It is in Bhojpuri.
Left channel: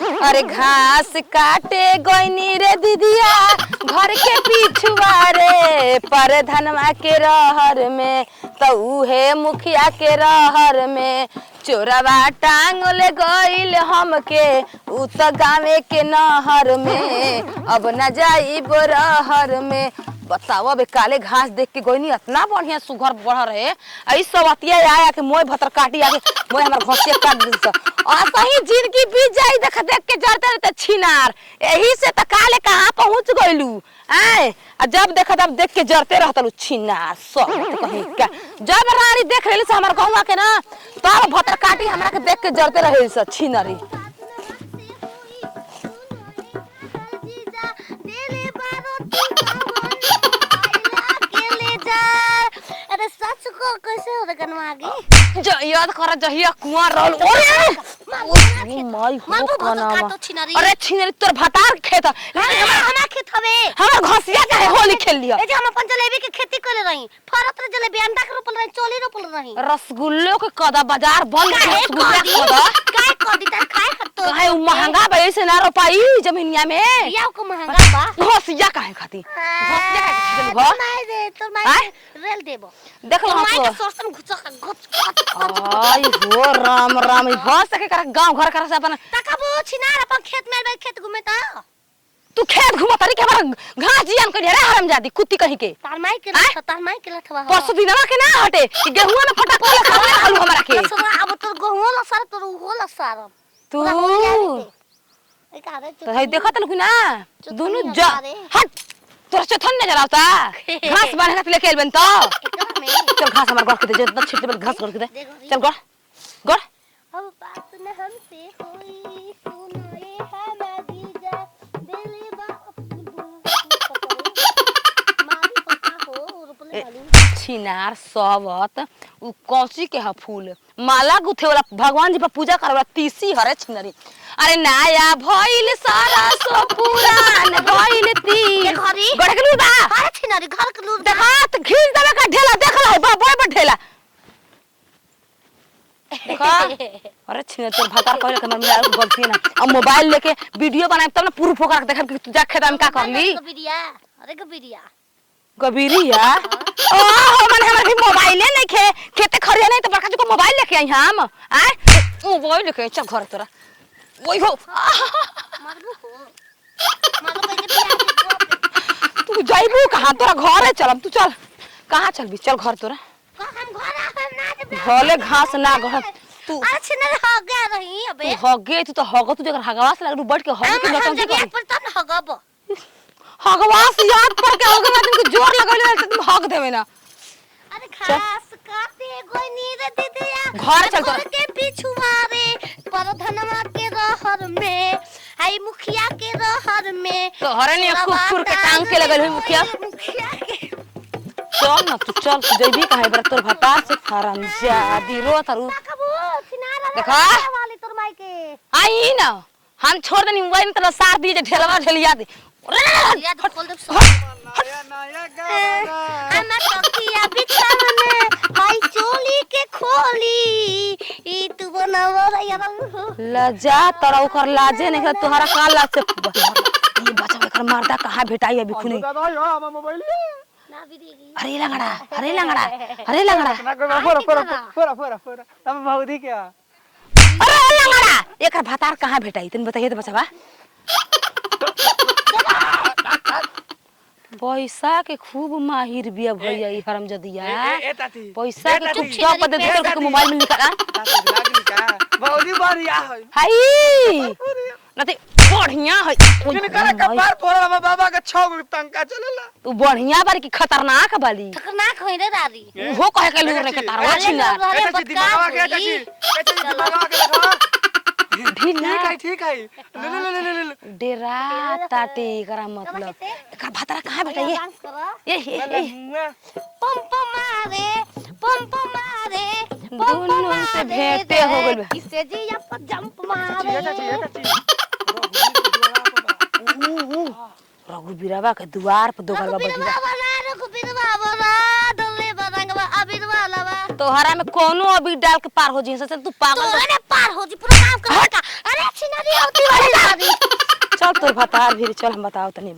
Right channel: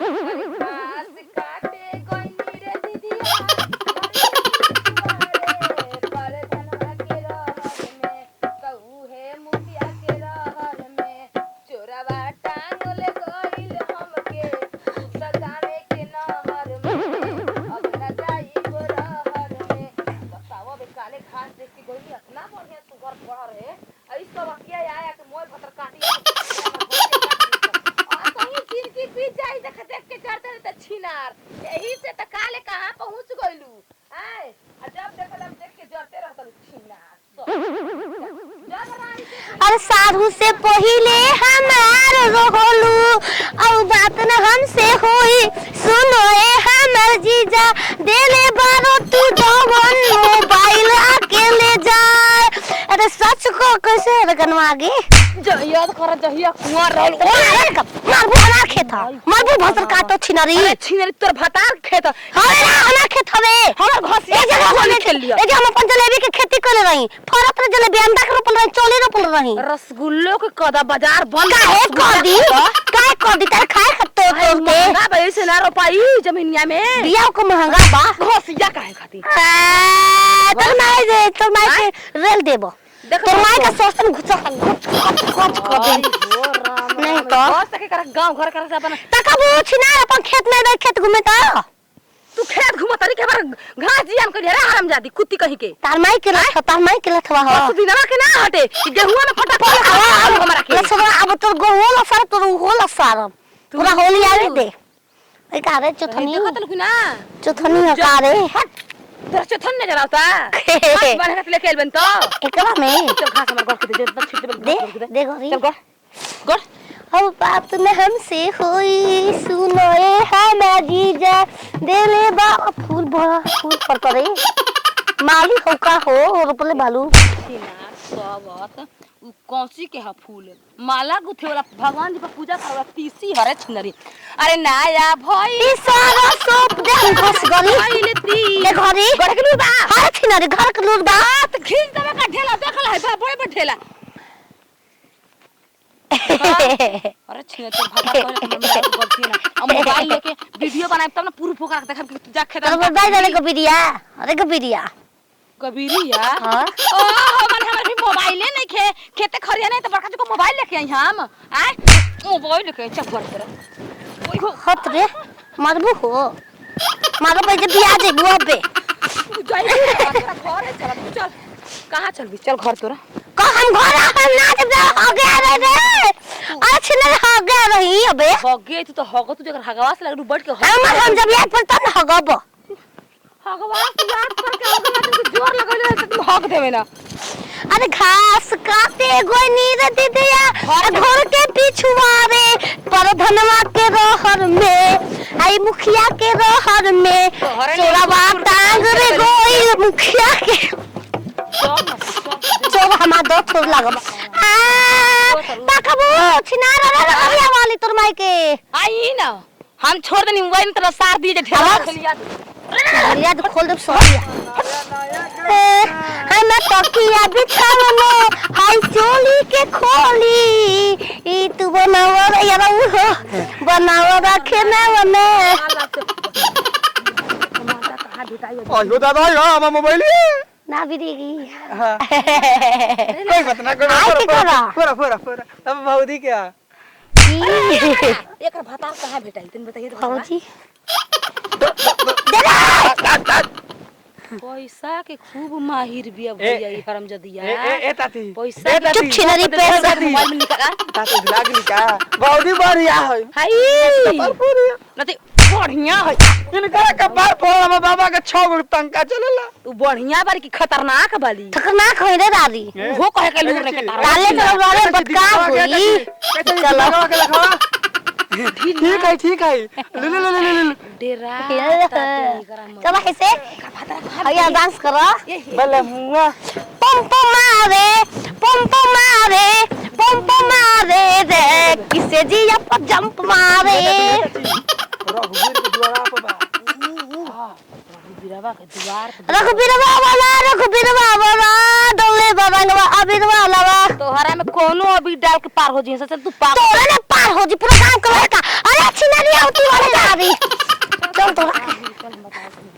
अरे घास काटे गोइनी रे दीदिया घर के पिछुआ रे पर धनवा के रहर में तो उहे मुखिया के रहर में चोरवा टांग ले गइल हमके उ त गावे के नहर में अब न जाई रहर में। बताओ अब काले घास देख के गोइनी इतना बढ़िया सुघर बढ़ रहे ऐ सब अतिया आया के मोय भतर काटी आके मोय हमर घसिया काट दी आ सही जिंदगी बीत जाई देख के जरते रहते छिनार एही से त काले कहां पहुंच गइलू आए जब देखा तब देख के जरते रहतलू छिनार सब कहीं का जब रानी देख लेली हमरा सामने से पहिले हमार और बात न हमसे होई सुनो ए हमर जीजा देले बारो तू जवन मोबाइल अकेले जाए। अरे सच को कैसे रगनवा आगे जो याद कर जहिया कुंवर रहल मार बना खेत मार भी भतर काटो छिनारी अरे छिनारी तोर भतार खेत हां बना खेत हवे हां घसिया जगह होली खेल लिया ए जे हम अपन जलेबी के खेती करे रही फरत रे जलेबी अंडा के रोपल रही चोली रोपल रही रसगुल्ले के कदा बाजार बंद काहे कदी तार खाए खत्तो है महंगा बड़े से ना रोपाई जमीनिया में बिया को महंगा बा घसिया काहे खाती तो नहीं दे तो मैं रेल देबो देखो माई का सोचन घुचा खच हो राम राम घास के कर गांव घर कर से अपन तकबू छिना अपन खेत में देख खेत घूमे ता तू खेत घुमा तरी के बार घास जियान कर रे हराम जादी कुत्ती कहीं के तार माई के लथ तार माई के लथवा हो बस दिनवा के ना हटे गेहुआ में फटा पड़ा हमरा के सब अब तो गोल सर तो होल सारम पूरा होली आवे दे ए कारे चोथनी देखत लखु ना चोथनी हजारे हट तोरा चोथन नजर आवता घास बारे का खेल बन तो एकरा में चल घास हमार घर के दे जतना छिट में घास कर दे दे गोरी चल गड़ अब बात न हमसे होई सुनो ए हमार जीजा देले बा फूल पर करे माली हो का हो रोपले बालू छिनार सबत उ कौसी के ह फूल माला गुथे वाला भगवान जी पर पूजा करे वाला तीसी हरे छिनरी अरे नाया भइल सरसो पूरा गइल ती के घरी गड़ के बा हर छिनरी घर के लोग दांत खींच देवे का ढेला देखल है बा बड़ ढेला अरे छिने तोर भागा करे त मम्मी आलू बोलती ना अब मोबाइल लेके वीडियो बनाए तब ना प्रूफ होकर देखब कि तू जा खेदान का मोबाइल को बिरिया अरे को बिरिया कबीरिया ओ मन हमरा भी मोबाइल नहीं खेते खरिया नहीं तो बड़का जी को मोबाइल लेके आई हम आए मोबाइल लेके चल घर तरह ओई हो हट रे मारबू हो मारो पे जे बिया दे बुआ पे तू जाई तेरा घर है चल तू चल कहां चल भी चल घर तोरा को हम घर हम ना जब अच्छा ना हो गया रही अबे हगे तू तो हगो तू जगर हगवा से लग बैठ के हम जब याद पड़ता ना हगब हगवा से याद पड़ के हगवा तुमको जोर लगल तो तुम हग देवे ना अरे घास काटे गोनी रे दीदिया घर के पिछुआ रे पर धनवा के रहर में आई मुखिया के रहर में तोरा बात टांग रे गोई मुखिया के चल जल्दी हमार देख तो लागल तकबो छिनारा रे आया वाली तोर माई के आई ना हम छोड़ देनी मोबाइल तेरा सार दिए ढेला खेलिया दे लिया तो खोल दे सोया है मैं तकिया बिछावने हाय चोली के खोली ई तू बनावा रे यार हो बनावा रखे ना मारदा कहां भेटाई है अयो दादा यो हम मोबाइल ना बिरेगी अरे लगा अरे लगा फोरा तब भाउदी क्या एकर भातार कहां भेटाई तने बताइए तो बसवा पैसा के खूब माहिर बिया भैया ई हरामजादिया ए ताती पैसा के चुप छिनरी पैसा मोबाइल में निकाल ताती लागली का भाउदी बढ़िया है हाय नते बढ़िया है जने करा कपार फोड़ हम बाबा के 6 गो टंका चलेला तू बढ़िया बारी की खतरनाक बाली खतरनाक होई रे दादी वो कहे के लूर लेके तारा डाले तो रे बटका होई चलो ठीक है ले डेरा ताते करा मत चलो ऐसे का भातार कहां भैया डांस करो बले मुआ पंप मारे रे किसे जिया पर जंप मारे रघुबीरवा के द्वार पर रघुबीरवा वाला डोले बाबा नवा अबीरवा वाला तोहरा में कोनो अभी डाल के पार हो जी से तू पागल तोरे ने पार हो जी पूरा काम करे का अरे छिनरिया होती वाली ना दी चल तू बता फिर चल हम बताओ तनी